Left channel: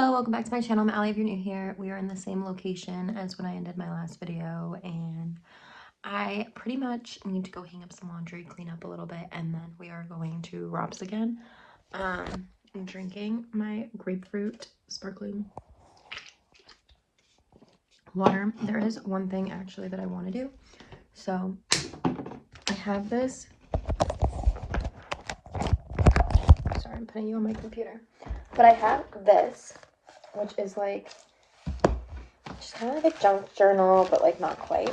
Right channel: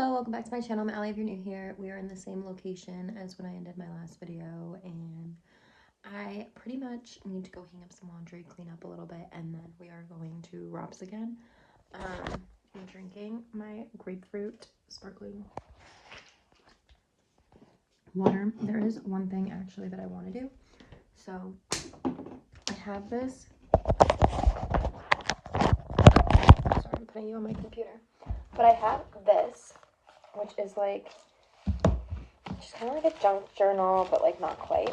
Hello, welcome back to my channel. I'm Allie if you're new here. We are in the same location as when I ended my last video, and I pretty much need to go hang up some laundry, clean up a little bit, and then we are going to Rob's again. I'm drinking my grapefruit sparkling water. There is one thing actually that I want to do. So I have this. Sorry, I'm putting you on my computer. But I have this, which is like just kind of like a junk journal, but like not quite.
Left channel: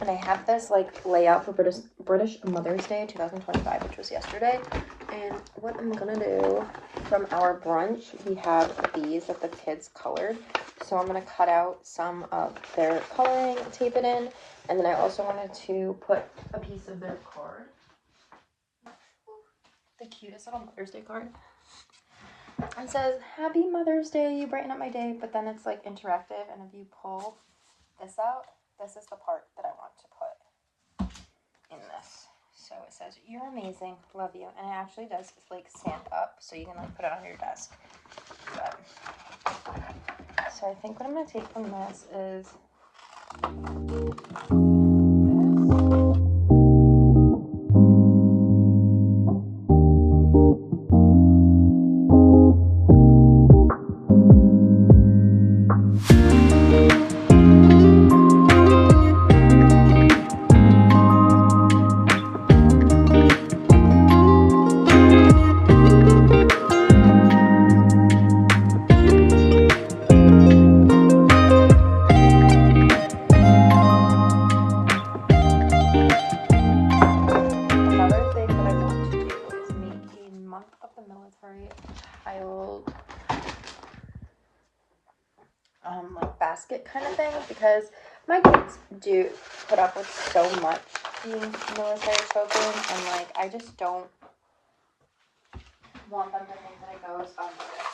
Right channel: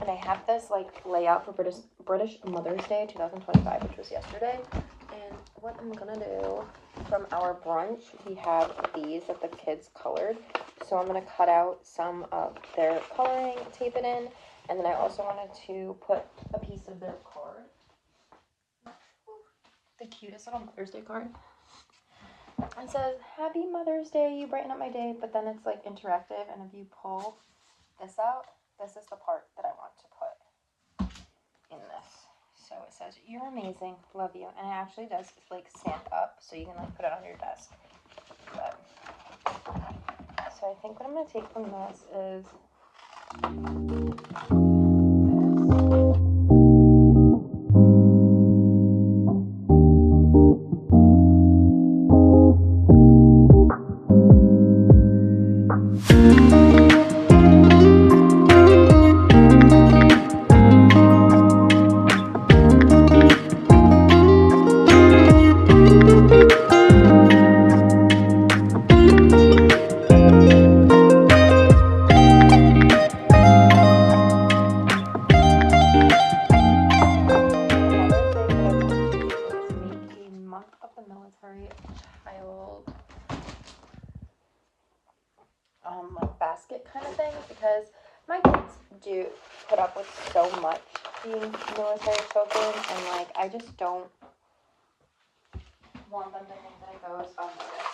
And I have this like layout for British Mother's Day 2025, which was yesterday. And what I'm gonna do from our brunch, we have these that the kids colored. So I'm gonna cut out some of their coloring, tape it in, and then I also wanted to put a piece of their card. The cutest little Mother's Day card. It says, "Happy Mother's Day, you brighten up my day," but then it's like interactive, and if you pull this out, this is the part that I want to put in this. So it says, "You're amazing, love you," and it actually does like stamp up, so you can like put it on your desk. But, so I think what I'm going to take from this is like basket kind of thing, because my kids do put up with so much being military children, and like I just don't want them to think that it goes unnoticed.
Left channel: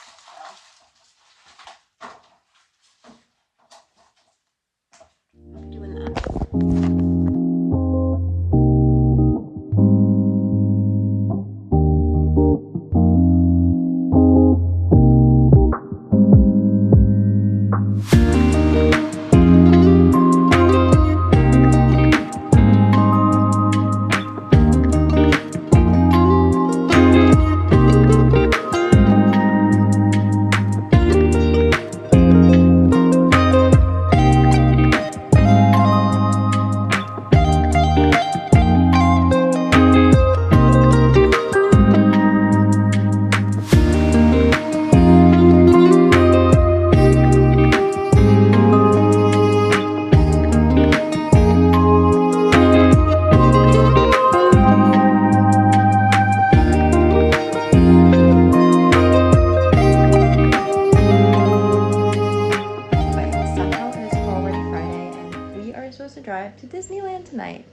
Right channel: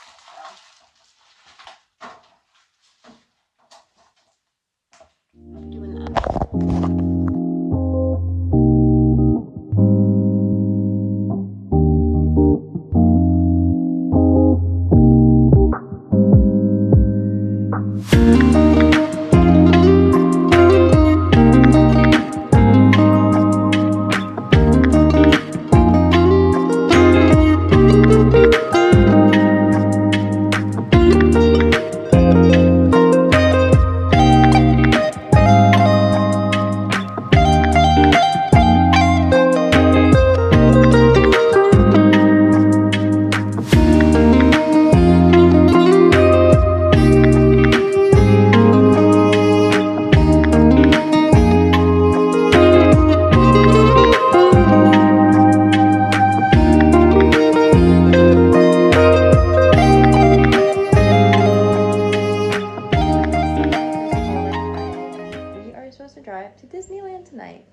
Drive to Disneyland tonight.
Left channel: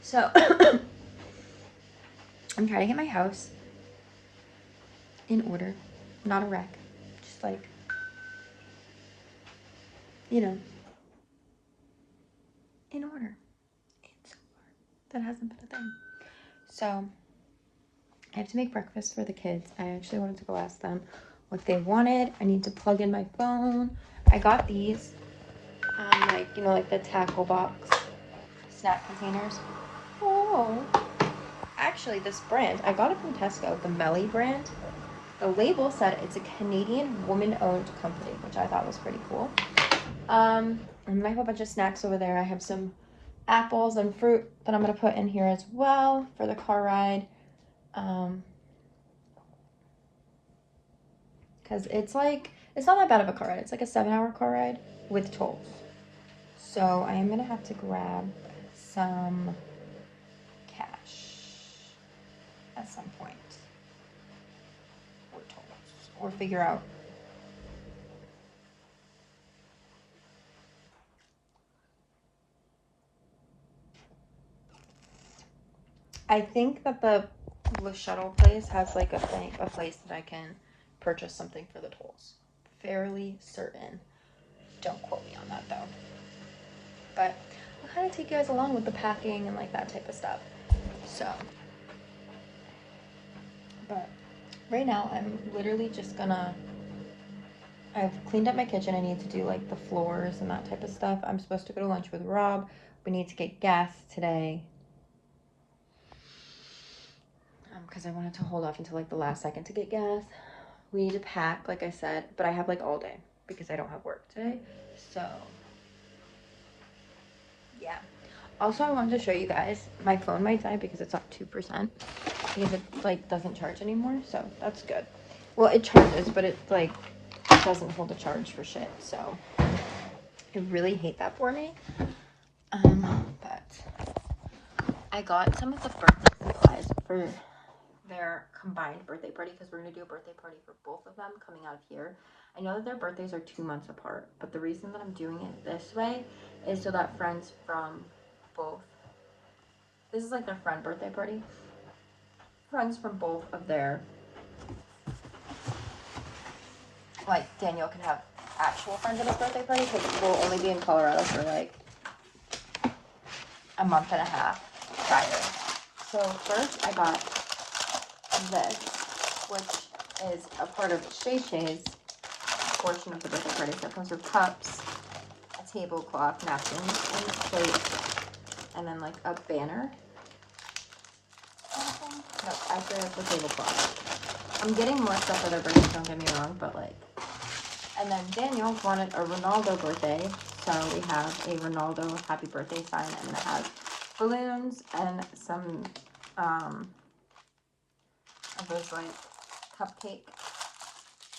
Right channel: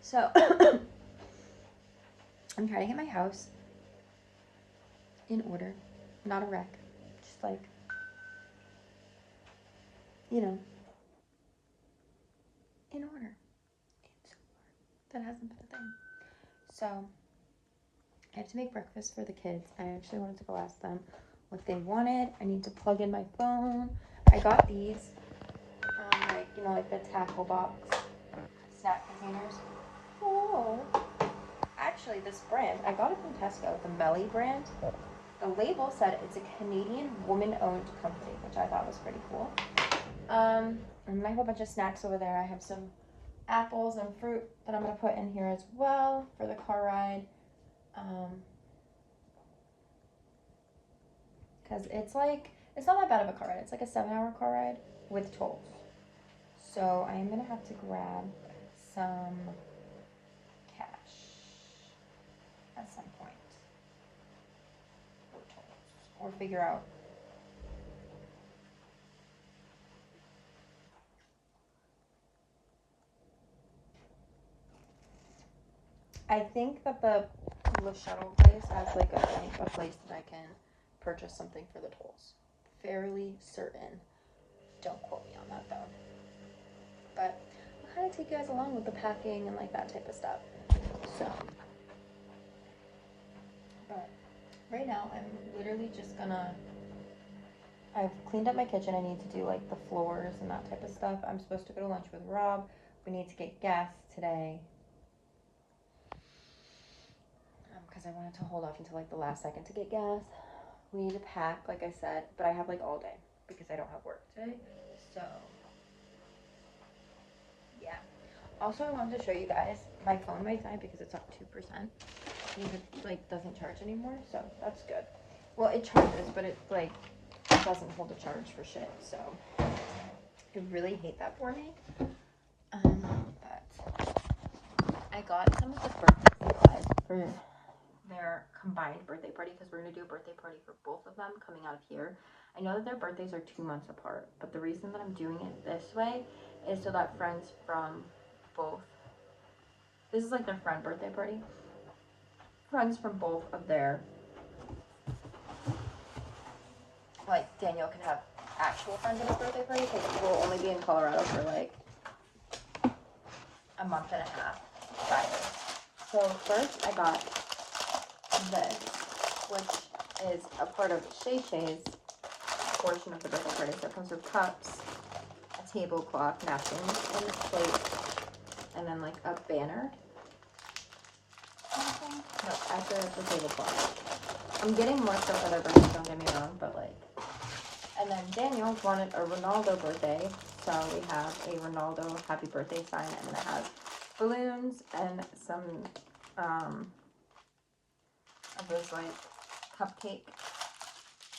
So I'm trying to get my house in order, not a wreck, just like, you know, in order. It's so hard. That hasn't been a thing. So I have to make breakfast for the kids. I actually wanted to go ask them what they wanted. I need to plug in my phone. I got these, like, you know, like the tackle box snack containers. Oh, actually this brand, I got it from Tesco, the Melly brand. The label said it's a Canadian woman-owned company, which I thought was pretty cool. And I have a bunch of snacks over there. I have some apples and fruit that I'm going to put in here as well for the car ride. Because it's like, it's not that bad of a car ride. It's like a 7-hour car ride with tolls. So I am going to have to grab some cash at some point. Or tolls. Or figure out. I think that the shuttle place has like a place that I can purchase something for the tolls. Fairly certain. Don't quote me on that though. But I'll kind of take you guys along with the packing and like that type of stuff. So, but right now I'm literally just gonna I've cleaned up my kitchen. I need to do like the floors and that type of stuff. I'm supposed to go to lunch with Rob. We need to get gas today. Because I wanted to hold off until like the last second to get gas. We need to pack, like I said, but I have like all day because I don't have work today. So, yeah. Also, I wanted to show you guys, my phone might die because it's on 2%. Because it like doesn't charge anymore, so that's good. Well, it charges, but it like doesn't hold a charge for shit, so I really hate that for me. But I got some of the birthday supplies for their combined birthday party because we're gonna do a birthday party for both of them coming out of here. I know that their birthdays are 2 months apart, but the reason that I'm doing it this way is so that friends from both, this is like their friend birthday party, friends from both of their, like Daniel can have actual friends at his birthday party because we'll only be in Colorado for like a month and a half prior. So first I got this, which is a part of Shay Shay's portion of the birthday party. So it comes with cups, a tablecloth, napkins, and plates, and then like a banner. No, actually like the tablecloth. I'm getting more stuff for their birthdays, don't get me wrong, but like, and then Daniel wanted a Ronaldo birthday, so we have a Ronaldo happy birthday sign, and it has balloons and some of those like cupcake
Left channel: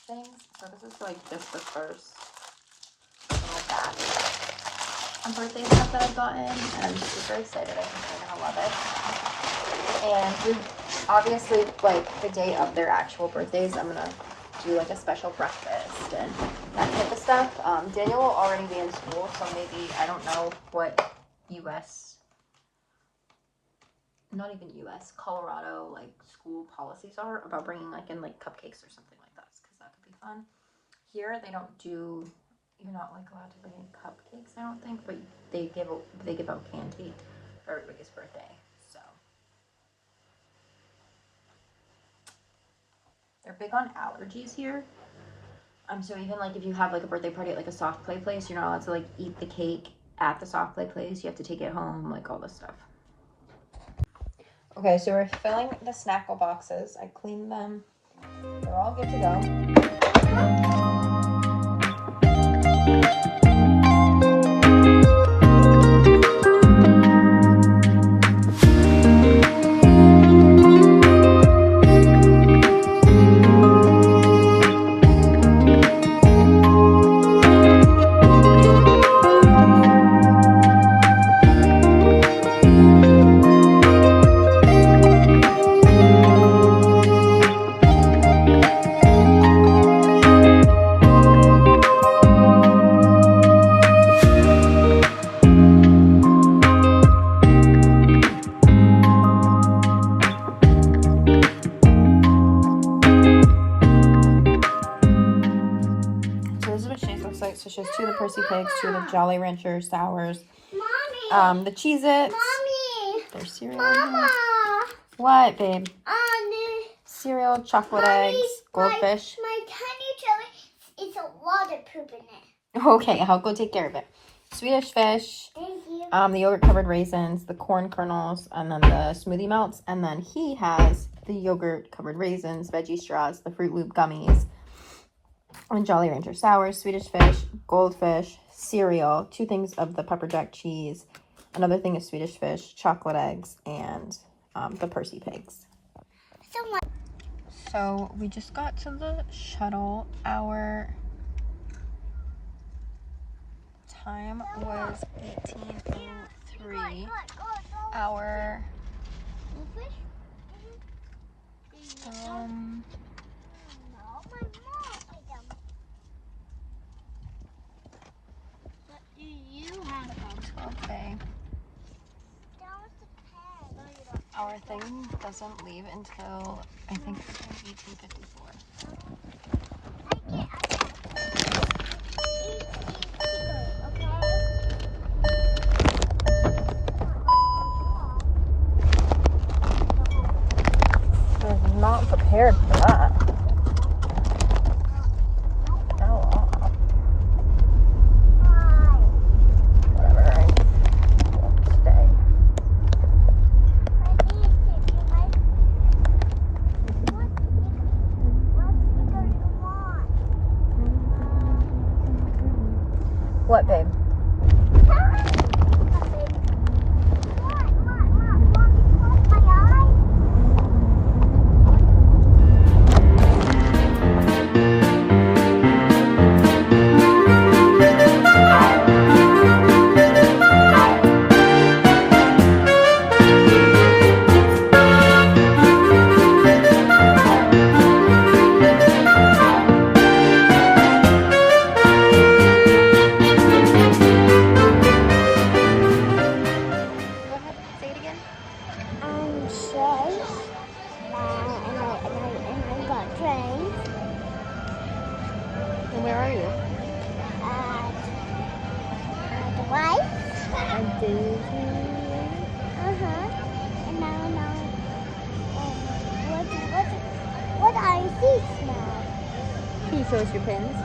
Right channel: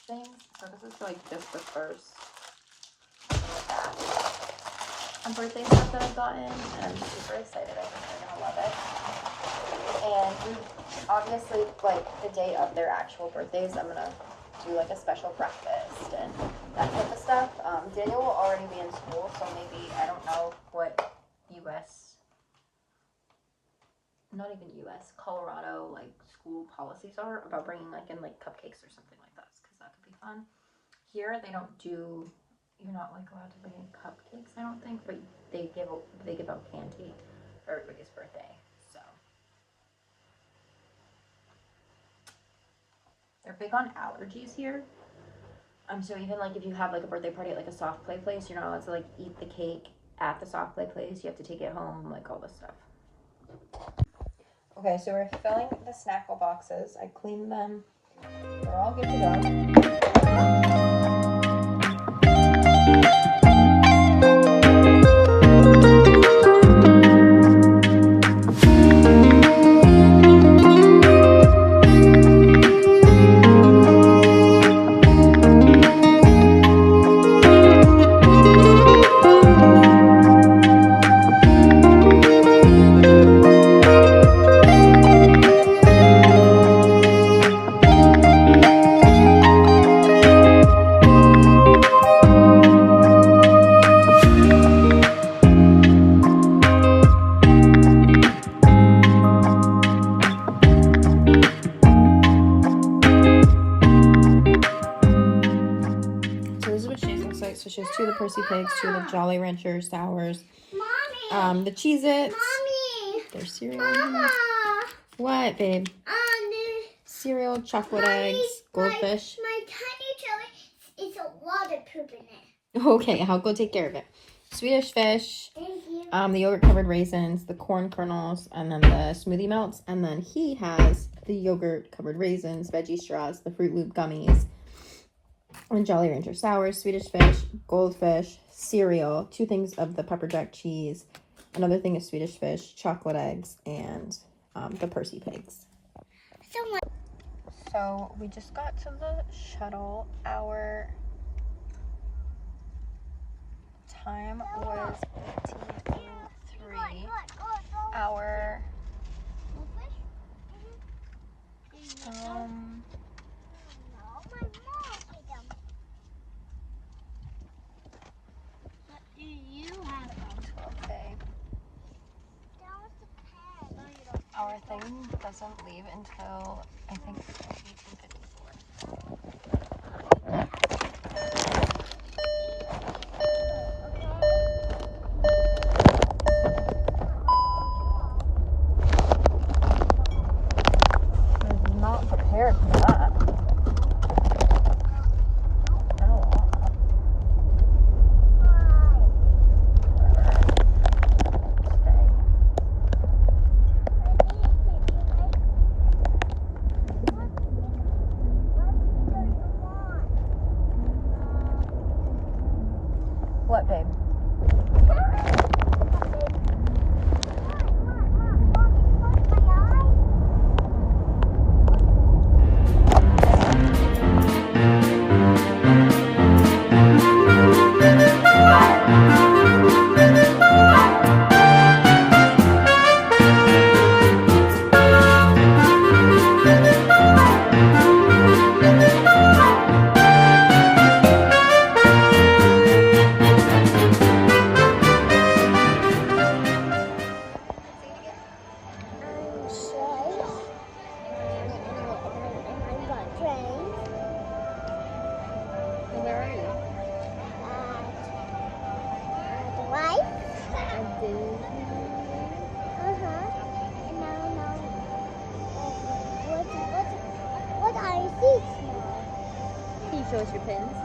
things. So this is like just the first little batch of birthday stuff that I've gotten, and I'm super excited. I think they're gonna love it. And we obviously, like the day of their actual birthdays, I'm gonna do like a special breakfast and that type of stuff. Daniel will already be in school, so maybe, I don't know what Colorado like school policies are about bringing like in like cupcakes or something like that, because that could be fun. Here they don't do, you're not like allowed to bring in cupcakes, I don't think, but they give out candy for everybody's birthday. So they're big on allergies here. So even like if you have like a birthday party at like a soft play place, you're not allowed to like eat the cake at the soft play place. You have to take it home, like all this stuff. Okay, so we're filling the snackle boxes. I cleaned them. They're all good to go. So she has 2 of the Percy Pigs, 2 of the Jolly Rancher Sours, Mommy, the Cheez-Its, Mommy, there's cereal in here. What, babe? Cereal, chocolate eggs, goldfish. My tiny jelly is a lot of poop in it. Okay, I'll go take care of it. Swedish fish, Thank you. The yogurt covered raisins, the corn kernels, and then the smoothie melts. And then he has the yogurt covered raisins, veggie straws, the Fruit Loop gummies, and Jolly Rancher Sours, Swedish fish, goldfish, cereal, 2 things of the pepper jack cheese, another thing of Swedish fish, chocolate eggs, and the Percy Pigs. So we just got to the shuttle. Our time was 18:03. Our okay. Our thing doesn't leave until I think 18:54. I was not prepared for that. Now off. What, babe? I'm Shay, and I got trains And where are you? at the white. At Disney. And now what are these now? Can you show us your pins?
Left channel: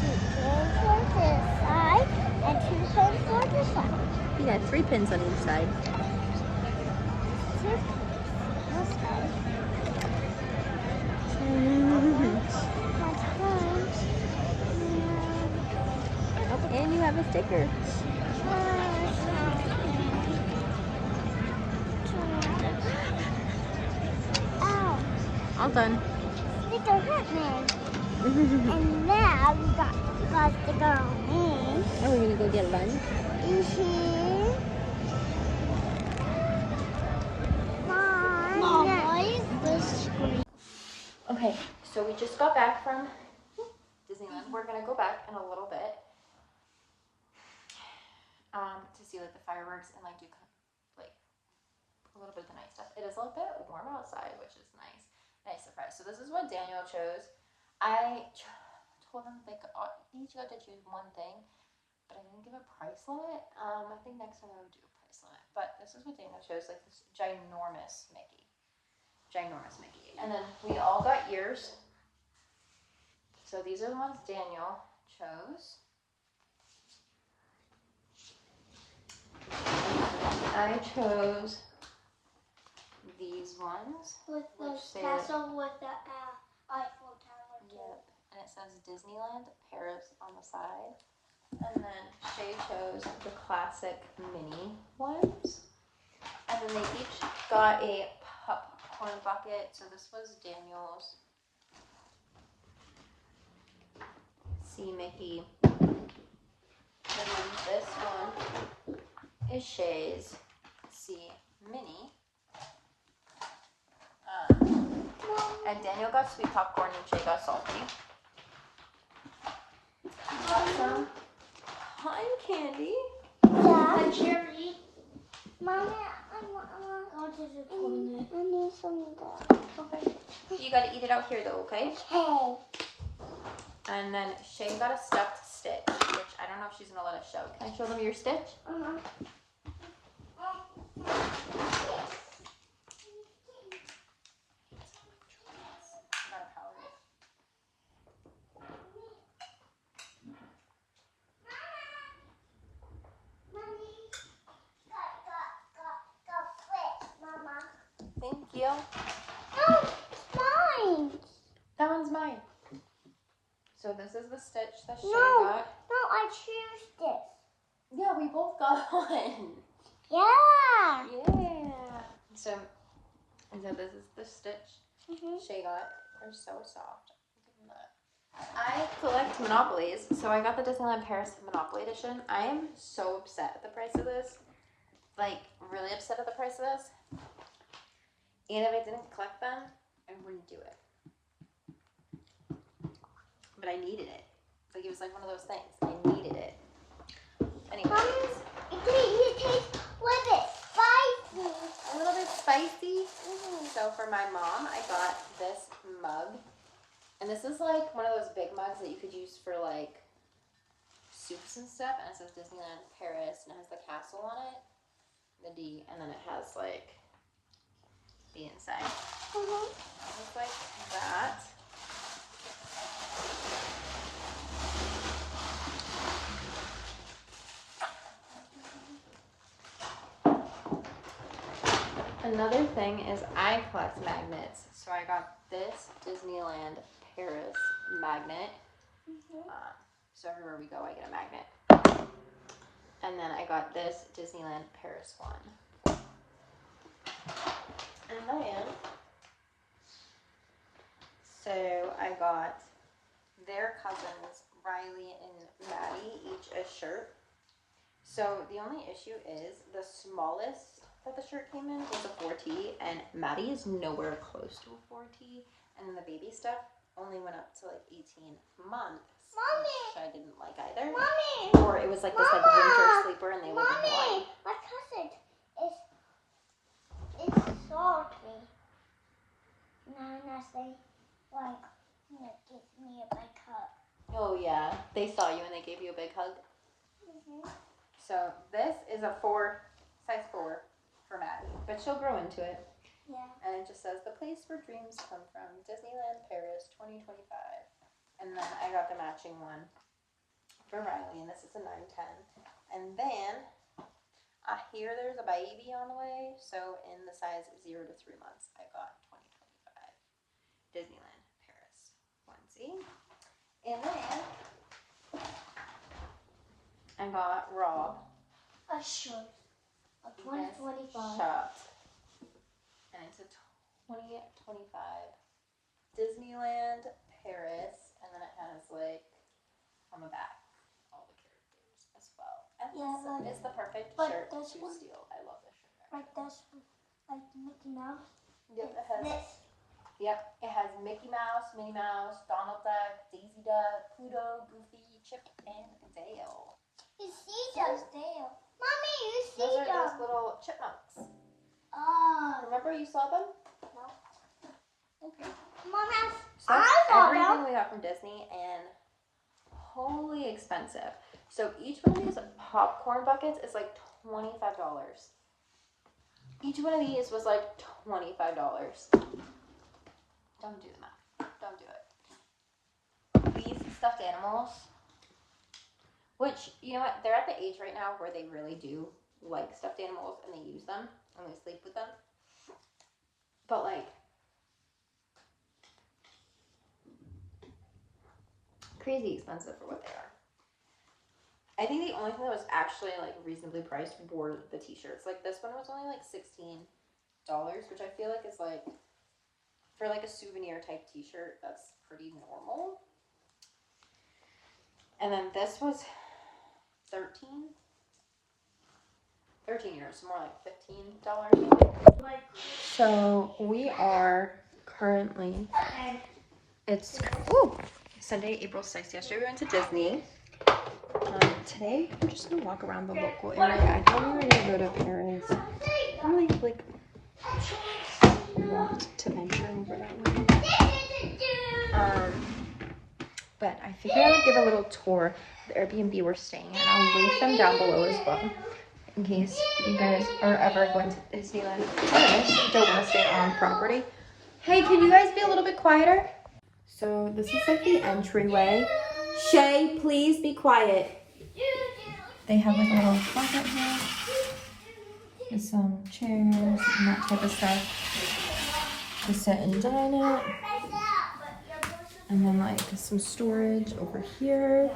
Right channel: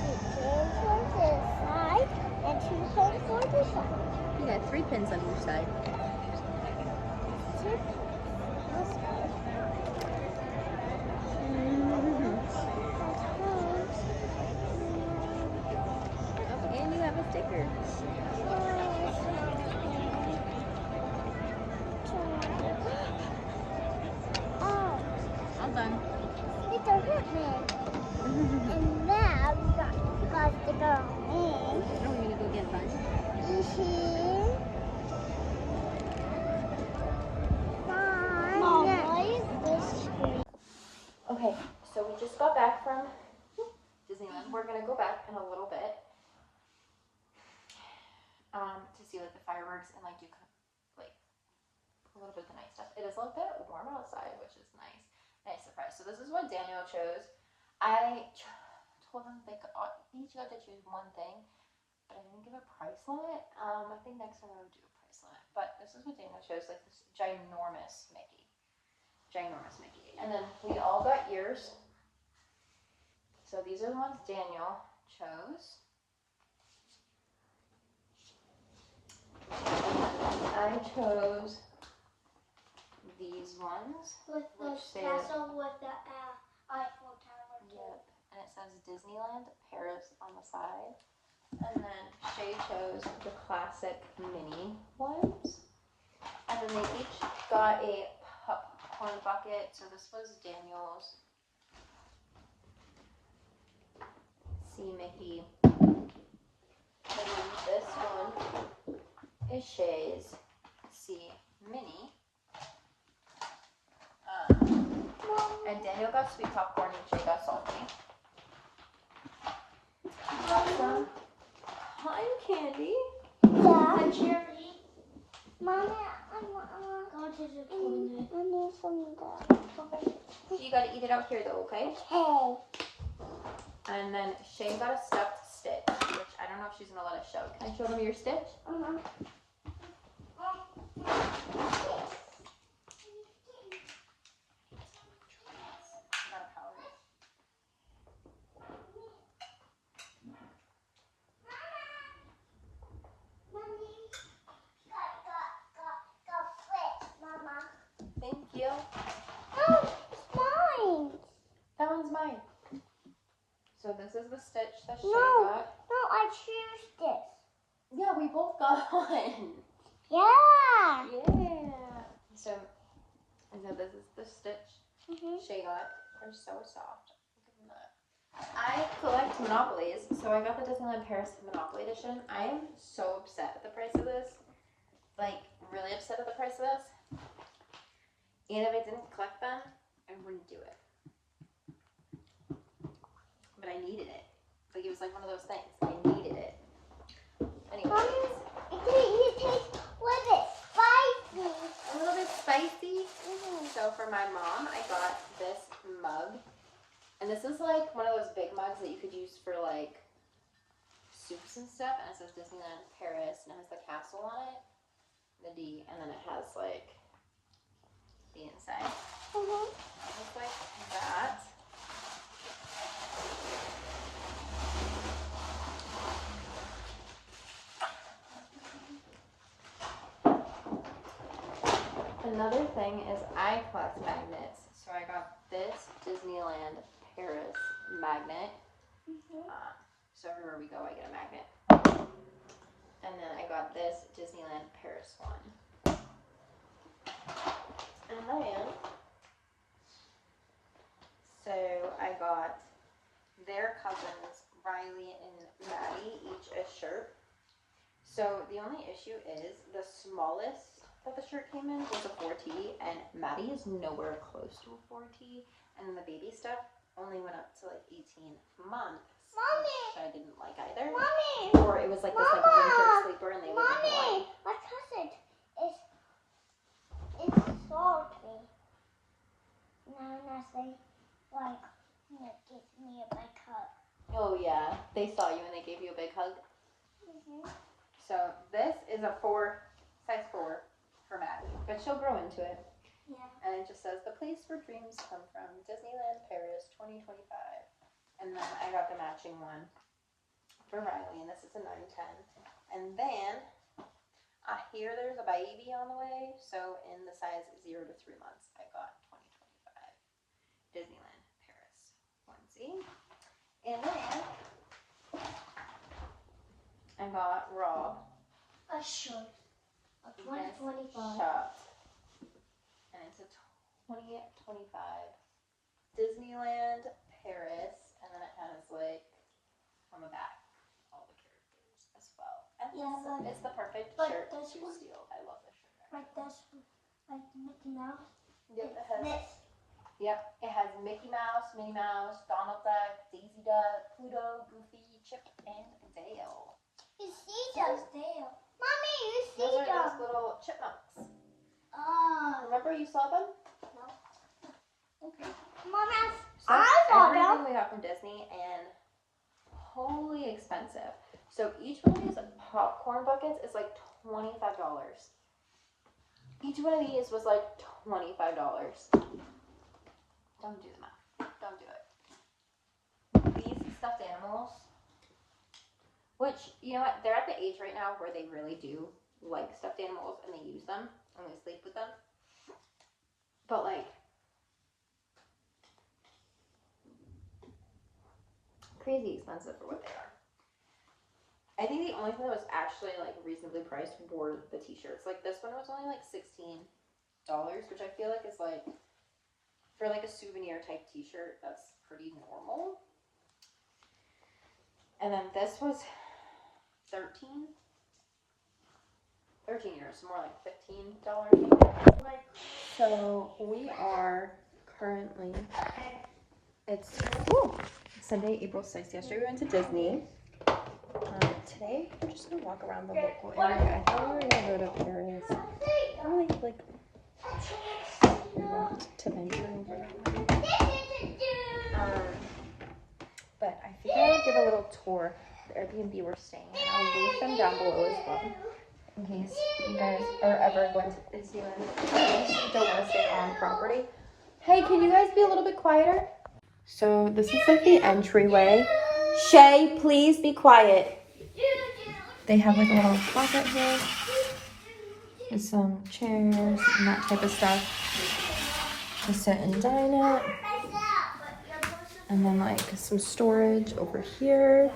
Two pins for this side and two pins for this side. You got 3 pins on each side. Two pins. This side. That's fine. Oh, and you have a sticker. Oh, All done. sticker hurt me. And now we got sticker on me. Are we gonna go get lunch? Okay, so we just got back from Disneyland. We're gonna go back in a little bit to see like the fireworks and like do like a little bit of the night stuff. It is a little bit warm outside, which is nice. Nice surprise. So this is what Daniel chose. I told him they each got to choose one thing, but I didn't give a price on it. I think next time we'll do a price on it. But this is what Daniel chose, like this ginormous Mickey. Ginormous Mickey. And then we all got ears. So these are the ones Daniel chose. I chose these ones. With the castle with the Eiffel Tower. Yep. And it says Disneyland Paris on the side. And then Shay chose the classic mini ones. And then they each got a popcorn bucket. So this was Daniel's See Mickey. And then this one is Shay's See Minnie. And Daniel got sweet popcorn and Shay got salty. Got some cotton candy. Yeah. Cherry. Mommy, I need some more. Okay. You gotta eat it out here though, okay? Okay. And then Shay got a stuffed Stitch, which I don't know if she's gonna let us show. Can I show them your Stitch? Thank you. No, it's mine. That one's mine. So this is the Stitch that Shay No. got. No, I choose this. Yeah, we both got one. Yeah. Yeah. So this is the Stitch Shay got. They're so soft. Look at that. I collect Monopolies, so I got the Disneyland Paris Monopoly Edition. I am so upset at the price of this. Like, really upset at the price of this. And if I didn't collect them, I wouldn't do it. But I needed it. Like, it was like one of those things. I needed it. Anyways. It tastes a little bit spicy. A little bit spicy. So for my mom, I got this mug. And this is like one of those big mugs that you could use for like soups and stuff. And it says Disneyland Paris and it has the castle on it. The D. And then it has like the inside. It looks like that. Another thing is I collect magnets. So I got this Disneyland Paris magnet. So everywhere we go, I get a magnet. And then I got this Disneyland Paris one. And then, so I got their cousins, Riley and Maddie, each a shirt. So the only issue is the smallest that the shirt came in was a 4T, and Maddie is nowhere close to a 4T, and the baby stuff only went up to like 18 months, Mommy. which I didn't like either. Mommy. Or it was like this like winter sleeper, and they live in Hawaii. My cousin is salty. Now I say like gives me a big hug. Oh yeah, they saw you and they gave you a big hug. So this is a size 4 for Maddie, but she'll grow into it. Yeah. And it just says, the place where dreams come from, Disneyland Paris 2025. And then I got the matching one for Riley, and this is a 910. And then I hear there's a baby on the way, so in the size 0 to 3 months, I got 2025 Disneyland Paris onesie. And then I got Rob A shirt. A 2025. shot, and it's a 2025 Disneyland Paris, and then it has like on the back all the characters as well. And Yeah, it's the perfect but shirt to this one- steal. I love this shirt. Like this, like Mickey Mouse. Yep, it has. This. Yep, it has Mickey Mouse, Minnie Mouse, Donald Duck, Daisy Duck, Pluto, Goofy, Chip, and Dale. You see those there. Mommy, you see Those are them. those little chipmunks. Oh. Remember you saw them? No. Okay. Mama, So that's I saw everything them. we got from Disney, and wholly expensive. So each one of these popcorn buckets is like $25. Each one of these was like $25. Don't do the math. Don't do it. These stuffed animals, which, you know what, they're at the age right now where they really do like stuffed animals, and they use them, and they sleep with them. But like, crazy expensive for what they are. I think the only thing that was actually like reasonably priced were the t-shirts. Like this one was only like $16, which I feel like is like, for like a souvenir type t-shirt, that's pretty normal. And then this was 13 euros, so more like $15. So we are currently, it's Sunday, April 6th. Yesterday we went to Disney. Today we're just gonna walk around the local area. I thought we were gonna go to Paris. I don't really want to venture over that way. But I figured I would give a little tour of the Airbnb we're staying in. I'll link them down below as well, in case you guys are ever going to Disneyland Paris and don't want to stay on property. Hey, can you guys be a little bit quieter? So this is like the entryway. Shay, please be quiet. They have like a little closet here with some chairs and that type of stuff to sit and dine at. And then like some storage over here.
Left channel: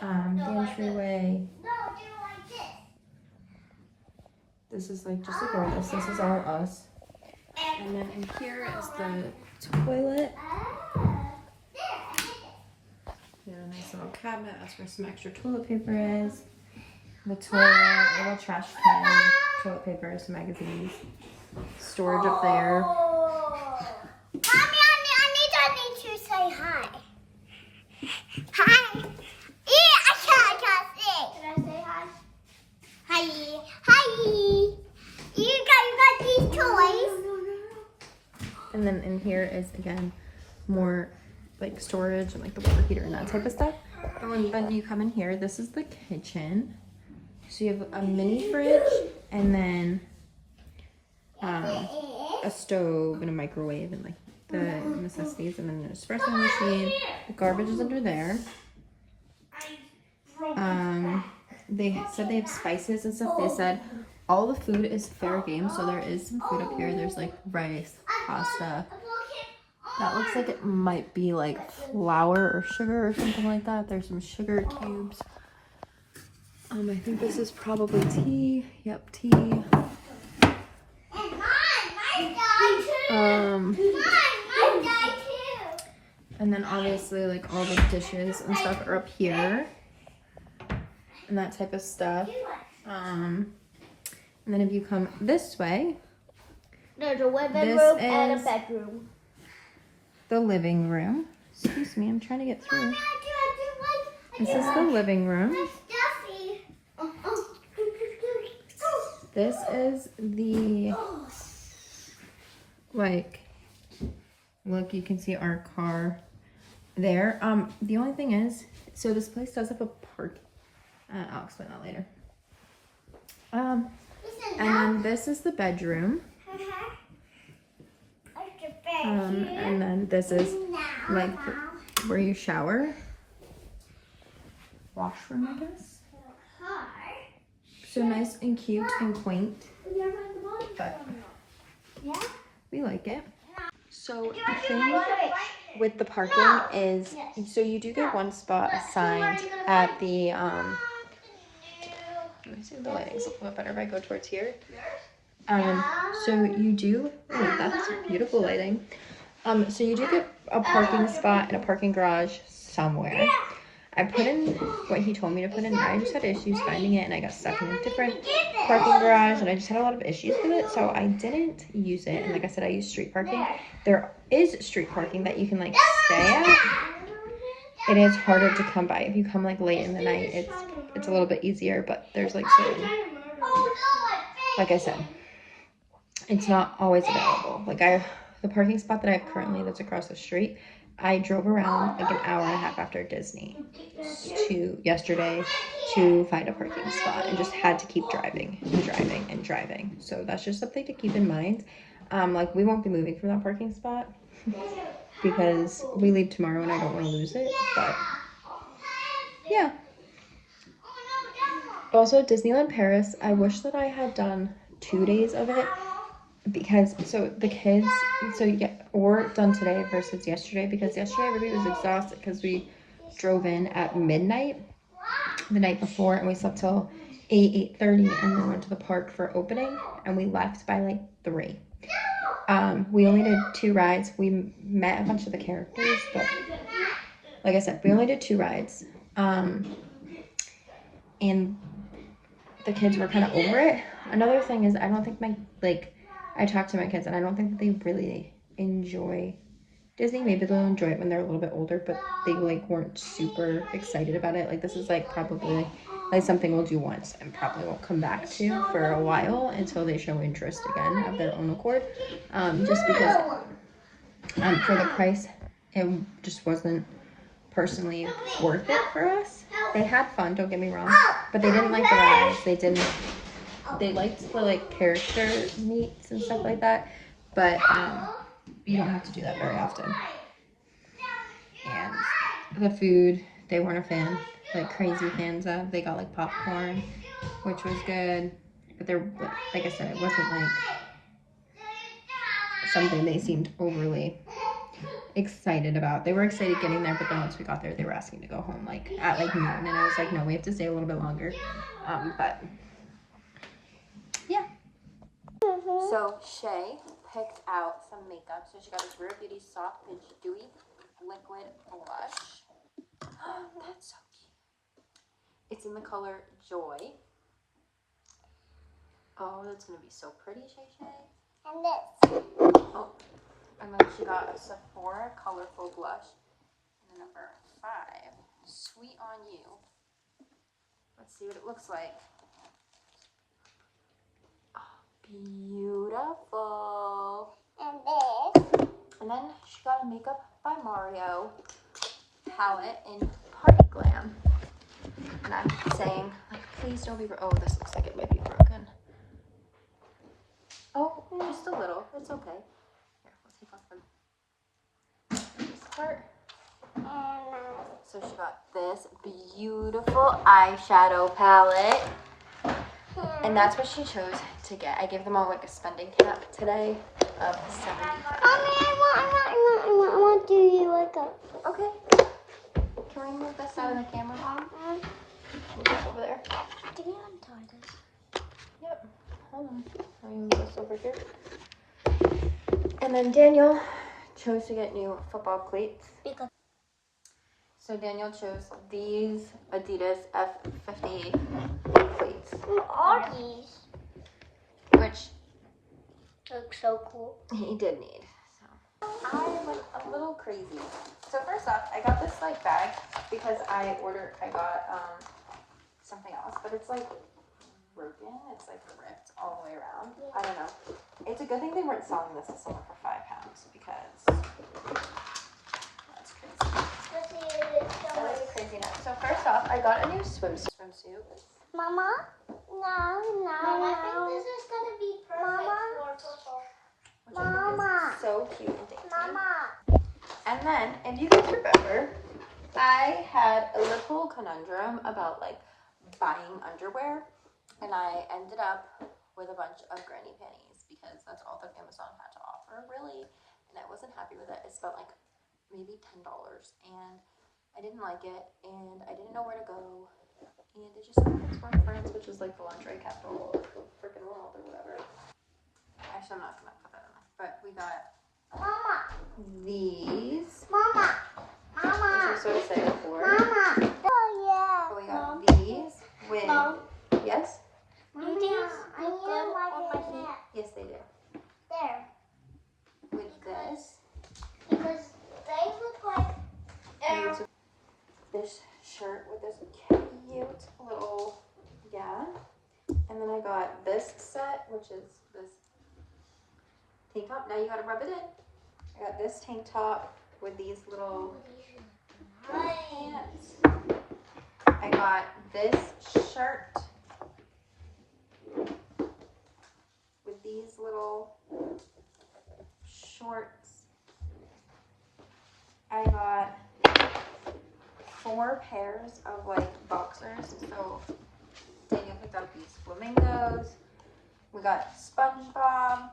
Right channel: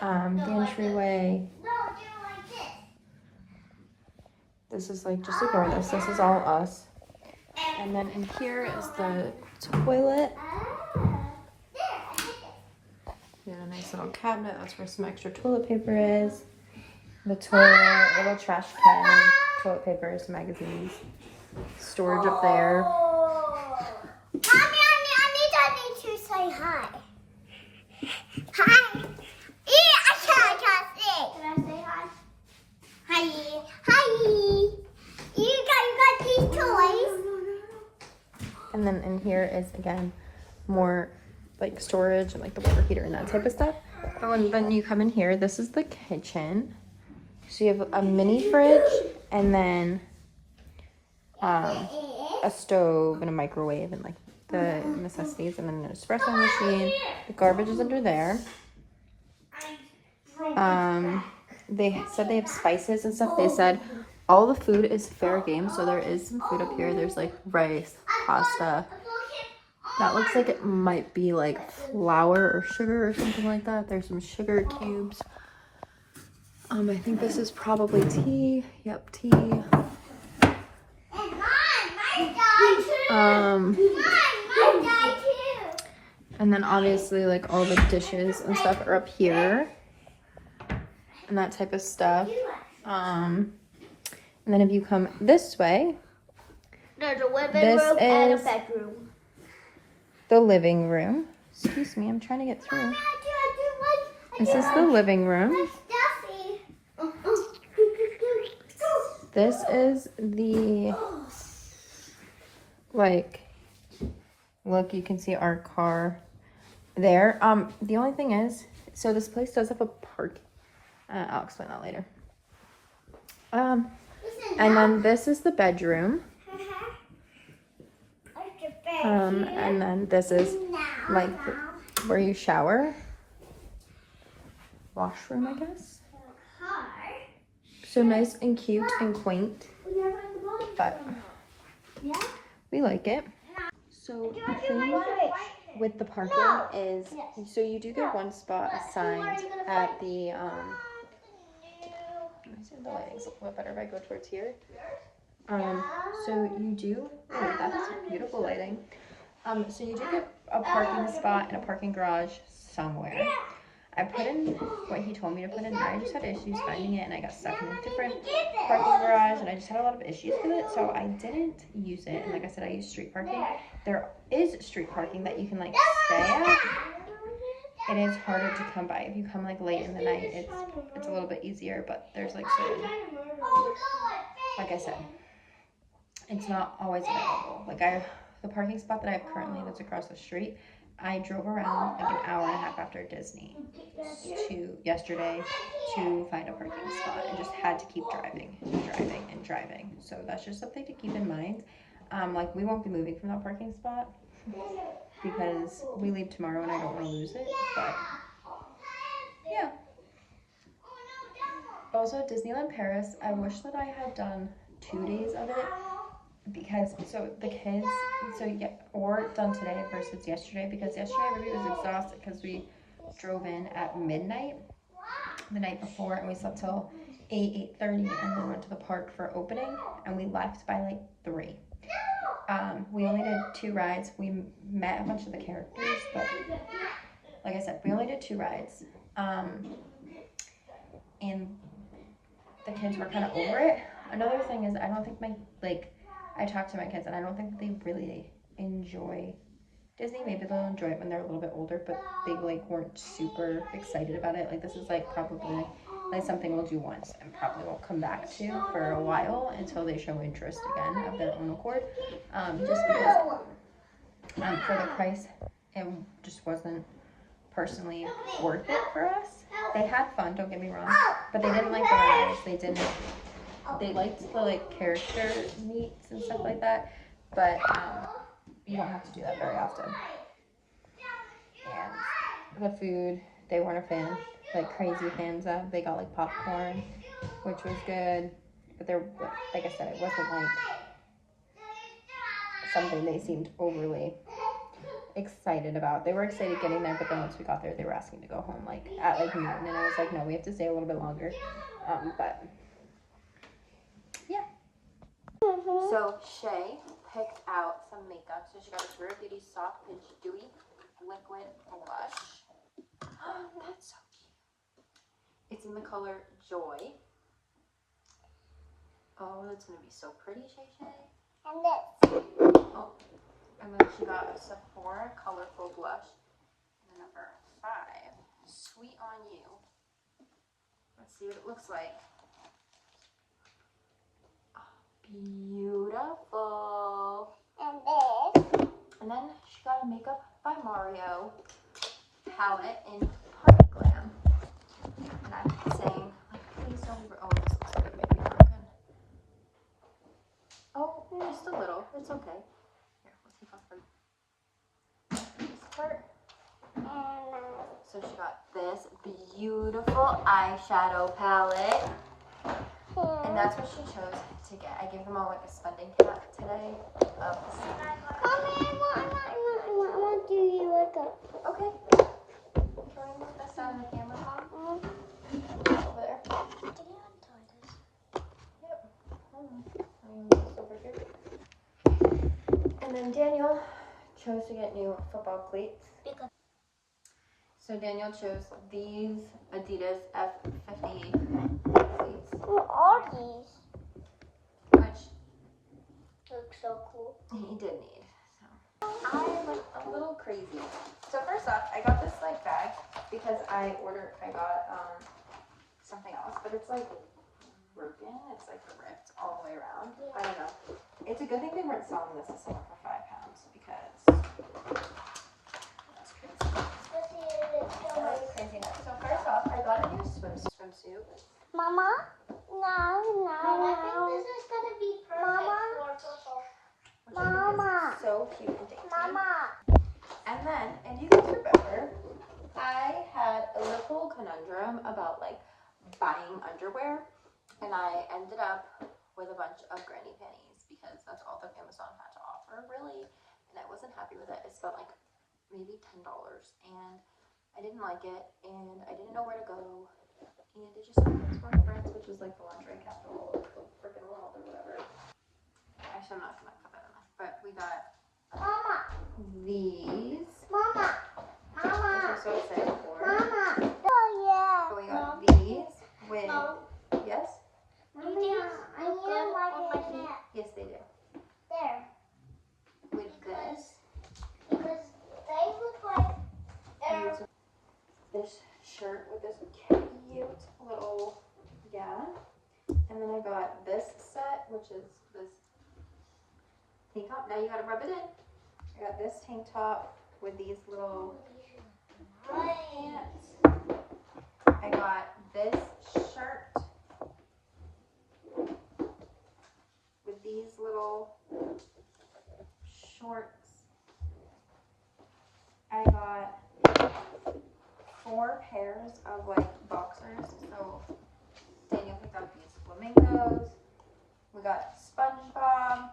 The entryway. This is like, just ignore this. This is all us. And then in here is the toilet. Yeah, a nice little cabinet. That's where some extra toilet paper is. The toilet, little trash can, toilet paper, some magazines. Storage up there. Mommy, I need to say hi. Hi. I can't say. Can I say hi? Hi. Hi. You got these toys. And then in here is, again, more like storage and like the water heater and that type of stuff. And then you come in here, this is the kitchen. So you have a mini fridge and then a stove and a microwave and like the necessities, and then an espresso machine. The garbage is under there. They said they have spices and stuff. They said all the food is fair game, so there is some food up here. There's like rice, pasta, That looks like it might be like flour or sugar or something like that. There's some sugar cubes. I think this is probably tea. Yep, tea. And then obviously like all the dishes and stuff are up here. And that type of stuff. And then if you come this way, There's a living this room and a is bedroom. the living room. Excuse me, I'm trying to get through. This is the living room. This is the, like, look, you can see our car there. The only thing is, so this place does have a park. I'll explain that later. And then this is the bedroom. And then this is like where you shower. Washroom, I guess. So nice and cute and quaint. But we like it. So the thing with the parking is, so you do get one spot assigned at the, let me see if the lighting's a little bit better if I go towards here. So you do, oh, that's beautiful lighting. So you do get a parking spot in a parking garage somewhere. I put in what he told me to put in. I just had issues finding it, and I got stuck in a different parking garage, and I just had a lot of issues with it, so I didn't use it. And like I said, I use street parking. There is street parking that you can like stay at. It is harder to come by. If you come like late in the night, it's a little bit easier, but there's like certain, like I said, it's not always available. Like the parking spot that I have currently that's across the street, I drove around like an hour and a half after Disney yesterday to find a parking spot and just had to keep driving and driving and driving. So that's just something to keep in mind. Like we won't be moving from that parking spot because we leave tomorrow and I don't want to lose it, but yeah. Also, Disneyland Paris, I wish that I had done 2 days of it. Because so the kids, so you get or done today versus yesterday, because yesterday everybody was exhausted because we drove in at midnight the night before and we slept till 8:30 and then went to the park for opening and we left by like 3. We only did 2 rides. We met a bunch of the characters, but like I said, we only did 2 rides. And the kids were kind of over it. Another thing is I don't think I talked to my kids and I don't think that they really enjoy Disney. Maybe they'll enjoy it when they're a little bit older, but they like weren't super excited about it. Like this is like probably like something we'll do once and probably won't come back to for a while until they show interest again of their own accord. Just because for the price, it just wasn't personally worth it for us. They had fun, don't get me wrong, but they didn't like the rides. They liked the like character meets and stuff like that, but you don't have to do that very often. And the food, they weren't a fan, like crazy fans of. They got like popcorn, which was good, but they're, like I said, it wasn't like something they seemed overly excited about. They were excited getting there, but then once we got there, they were asking to go home like at like noon, and I was like, no, we have to stay a little bit longer. But yeah. So Shay picked out some makeup. So she got this Rare Beauty Soft Pitch Dewy Liquid Blush. That's so cute. It's in the color Joy. Oh, that's gonna be so pretty, Shay Shay. And this. Oh, and then she got a Sephora Colorful Blush. Number 5, Sweet on You. Let's see what it looks like. Beautiful. And this. And then she got a Makeup by Mario palette in Party Glam. And I'm saying, like, please don't be, oh, this looks like it might be broken. Oh, just a little. It's okay. Here, let's see if I can. This part. So she got this beautiful eyeshadow palette. And that's what she chose to get. I gave them all like a spending cap today of $75. Okay. Can we move this out of the camera? Move that over there. Yep. Hold on. Let me move this over here. And then Daniel chose to get new football cleats. So Daniel chose these Adidas F50 cleats. What are these? Which Look so cool. he did need. So I went a little crazy. So first off, I got this like bag because I got something else, but it's like broken. It's like ripped all the way around. I don't know. It's a good thing they weren't selling this to someone for £5 because that's crazy. So first off, I got a new swimsuit. Mama? No. Mama, I think this is gonna be perfect for Mama. So cute and dainty. Mama. And then, if you guys remember, I had a little conundrum about like buying underwear, and I ended up with a bunch of granny panties because that's all that Amazon had to offer, really, and I wasn't happy with it. I spent like maybe $10, and I didn't like it, and I didn't know where to go, and it just happened to France, which is like the lingerie capital of the freaking world or whatever. Actually, I'm not gonna put that in there, but we got these. Mama. Which I'm so excited for. Mama. Oh yeah. So we got these with yes? Mommy, I need to like on my hand. Yes, they do. There. With this. Because they look like This shirt with this cute little and then I got this set, which is this tank top. Now you gotta rub it in. I got this tank top with these little pants. I got this shirt with these little shorts. I got 4 pairs of like boxers. So Daniel picked up these flamingos. We got SpongeBob.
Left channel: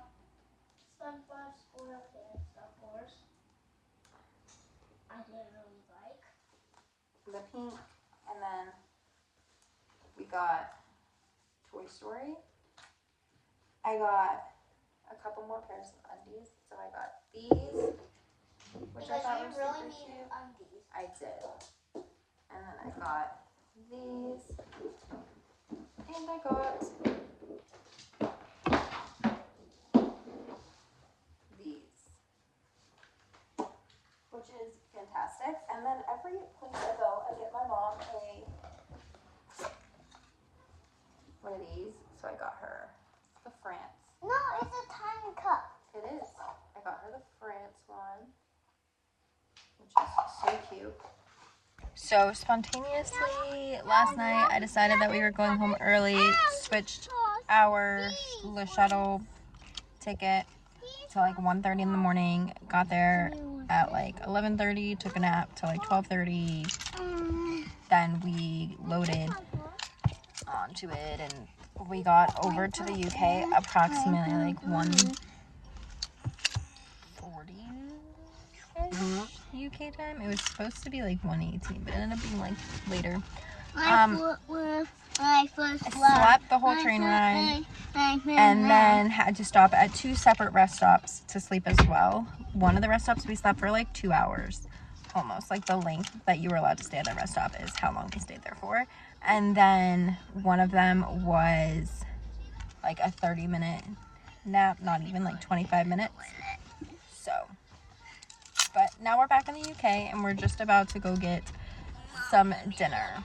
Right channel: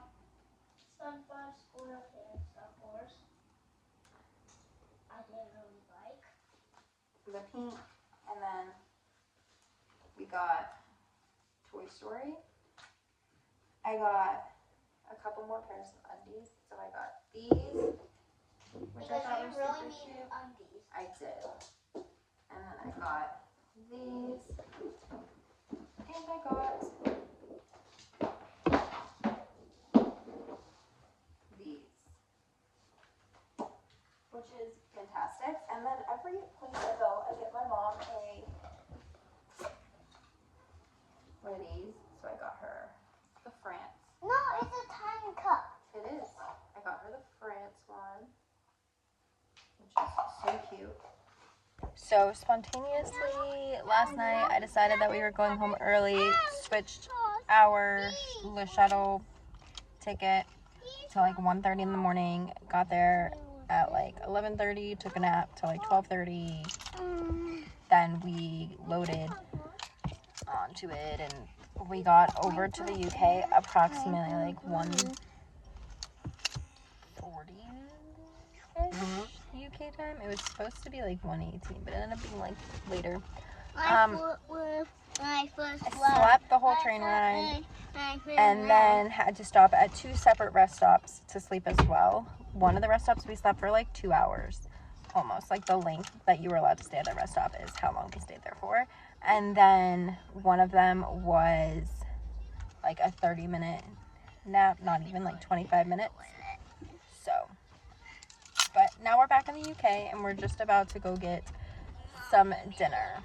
SpongeBob's one of the Star Wars. I didn't really like. The pink, and then we got Toy Story. I got a couple more pairs of undies, so I got these, which I thought were super cute. Undies. I did. And then I got these, and I got these, which is fantastic. And then every place I go, I get my mom one of these. So I got her the France. No, it's a tiny cup. It is. I got her the France one, which is so cute. So spontaneously last night I decided that we were going home early, switched our Le Shuttle ticket to like 1:30 in the morning, got there at like 11:30, took a nap till like 12:30, then we loaded onto it and we got over to the UK approximately like 1:40 UK time. It was supposed to be like 1:18, but it ended up being like later. I slept the whole train ride and then had to stop at 2 separate rest stops to sleep as well. One of the rest stops we slept for like 2 hours, almost like the length that you were allowed to stay at the rest stop is how long we stayed there for. And then one of them was like a 30-minute nap, not even like 25 minutes. So, but now we're back in the UK and we're just about to go get some dinner.